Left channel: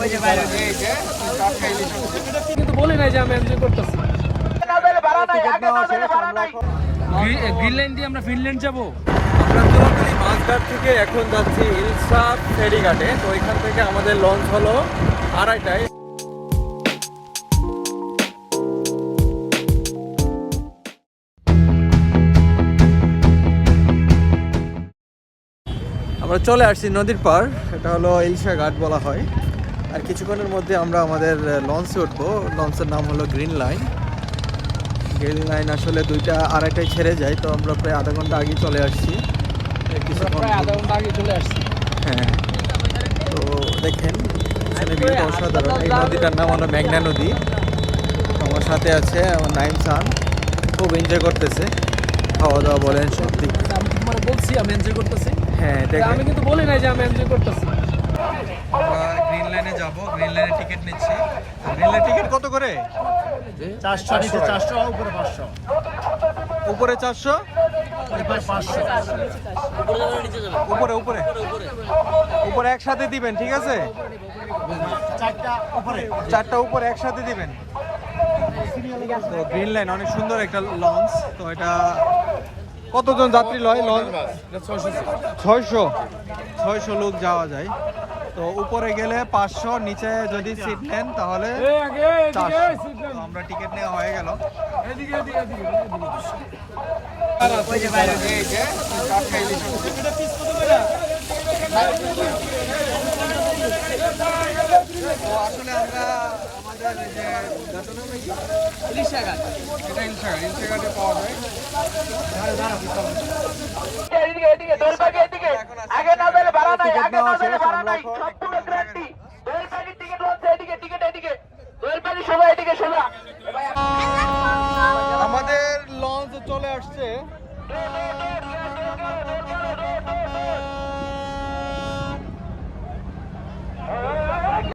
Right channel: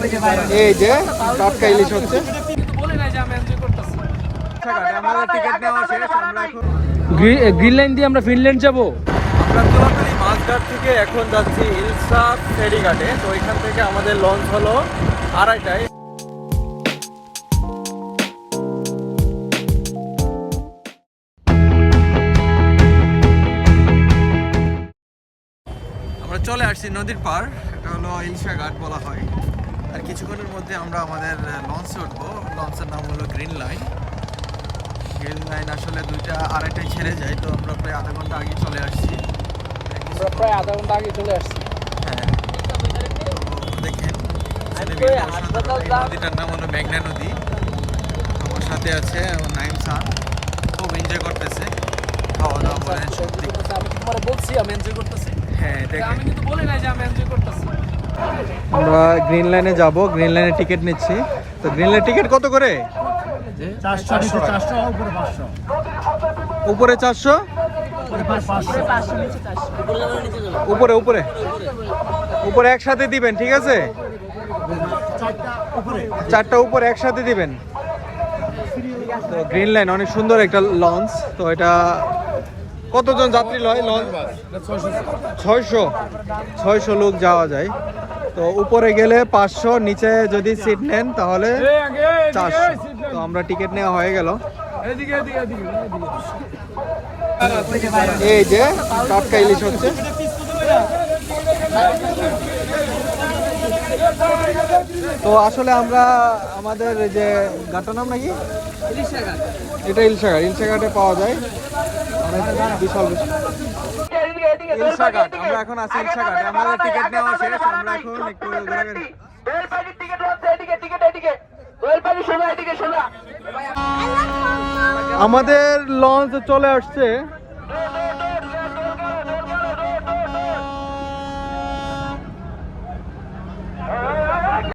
এই যে টাটকা ইলিশ হচ্ছে, কিন্তু বলি নাই যে আমি এনজয় করতেছি। গ্রিন লাইন দিয়ে আমরা ফিনল্যান্ড যাব। আমরা তুলাতলি মাছঘাট থেকে এখন যাচ্ছি ইলসা ফেরিঘাটে। তো এখান থেকে আমাদের লঞ্চ হলো 2:30টায়। আমরা চলে আসছি নদীর পার, এটা হলো ইলসা ঘাট বলা হয়। আর কিছুক্ষণের মধ্যে আমরা আমাদের লঞ্চে উঠবো। লঞ্চের নাম হলো গ্রিন লাইন। গ্রিন লাইন আসলে 2টা 2:30টায় ছেড়ে যায়, তো আমরা প্রায় আধা ঘন্টা আগে চলে আসছি। আধা ঘন্টা আগে চলে আসছি। হ্যাঁ, তো দেখেন ভিউটা অসাধারণ। এই নদীটার নাম হলো মেঘনা নদী। তো আমার সাথে আছে আমার নাইম সান, খুব এনজয় করতেছে, খাওয়া দাওয়া বলেন সব দিক। আমি তোমার বলছি আমি এনজয় করতেছি। হ্যাঁ, আমি কিন্তু বলি নাই যে আমি এনজয় করতেছি। আমরা গ্রিন লাইনে যাব, গ্রিন লাইনে টিকিট নিচ্ছি। তো গ্রিন লাইন টিকিট কত করে? 400 উপরে 400, উপরে উপরে উপরে একসাথে দিবেন, ঠিক আছে? 4টা উপরে একসাথে দিবেন। তো গ্রিন লাইন অনেক সুন্দর একটা লঞ্চ। তো এটা কতজন যাত্রী লয় লঞ্চ? 600 লোক যাওয়া যায়। তো উপরে গেলে 500, নিচে যদি সিট নেন তাহলে 400। তো আমরা টিকিট নেওয়া হয়ে গেল। এই যে টাটকা ইলিশ হচ্ছে। তো আসলে আমরা আমাদের এই যে ঘাটের নাম নাকি এটা ইলশা ঘাট, ইলশা ঘাটে পাওয়া যায় বিশাল ইলসা ঘাট। আমরা এখন আছি ইলসা ঘাটে। আমাদের টিকিট নেওয়া শেষ। আমরা এখন একটু ঘোরাঘুরি। আমাদের লঞ্চ চলে আসছে।